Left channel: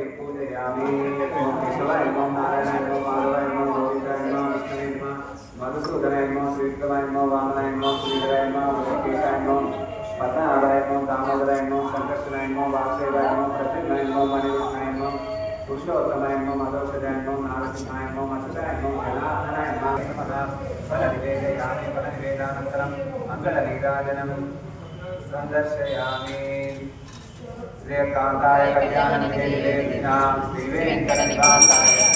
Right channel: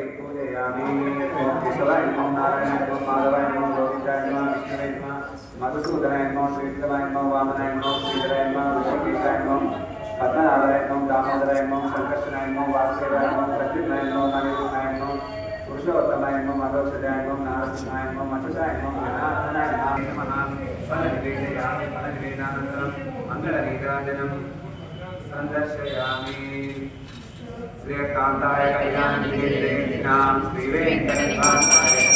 ఎక్కువ నారాయణ ఎన్నో మాధవ ఎన్నో గోవింద ఎన్నో విష్ణు ఎన్నో మధుసూదన ఎన్నో శ్రీకల ఎన్నో వామన ఎన్నో శ్రీధర ఎన్నో లోకేశ ఎన్నో పద్మనాభర ఎన్నో దామోదర ఎన్నో శ్రీకృష్ణ ఎన్నో వాసుదేవ ఎన్నో సత్యుల ఎన్నో సందర్శయామి श्रीकान्ताय कल्याणनिवेदिनां श्रीवेङ्कटनिवासाय श्रीनिवासाय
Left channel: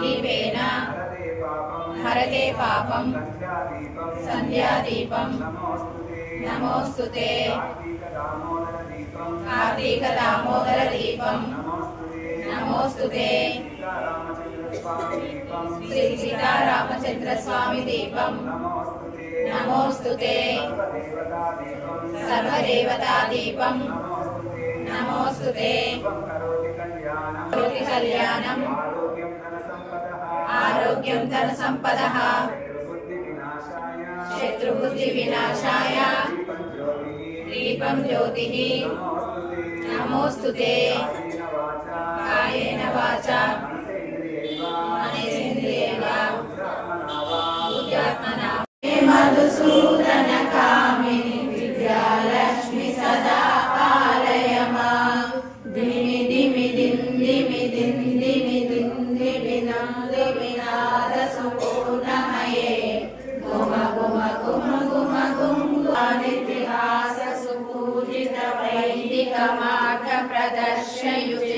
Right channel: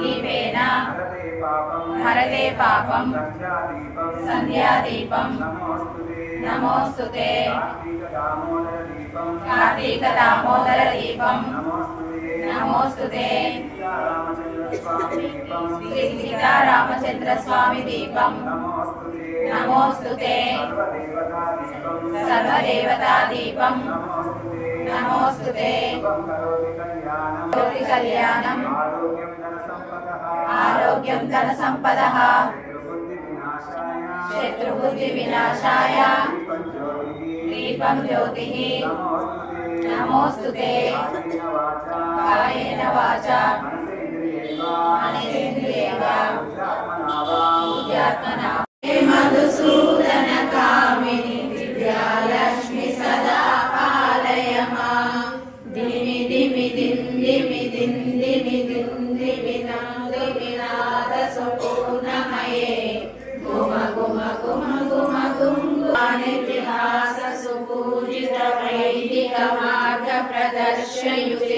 దీపేన హరతే పాపం. సంధ్యాదీపం. నమోస్తుతే. కార్తీక దామోదర దీపం దీపం శ్రీ సీతారామచంద్ర స్వామి దీపం. నమోస్తుతే. సర్వదేవతా దీపం సర్వదేవతా కరోతి కళ్యాణం. ఆరోగ్యం ధన సంపద శత్రుబుద్ధి వినాశాయ. దీపం జ్యోతి. నమోస్తుతే. నమోస్తుతే. కాయేన వాచా. దిందిమి దిందిమి దిందిమి వినాద సుపూర్ణమయే గుమ గుమ గుమ గుమ సుపూజిత వైదిక మార్గ ప్రదర్శయుతే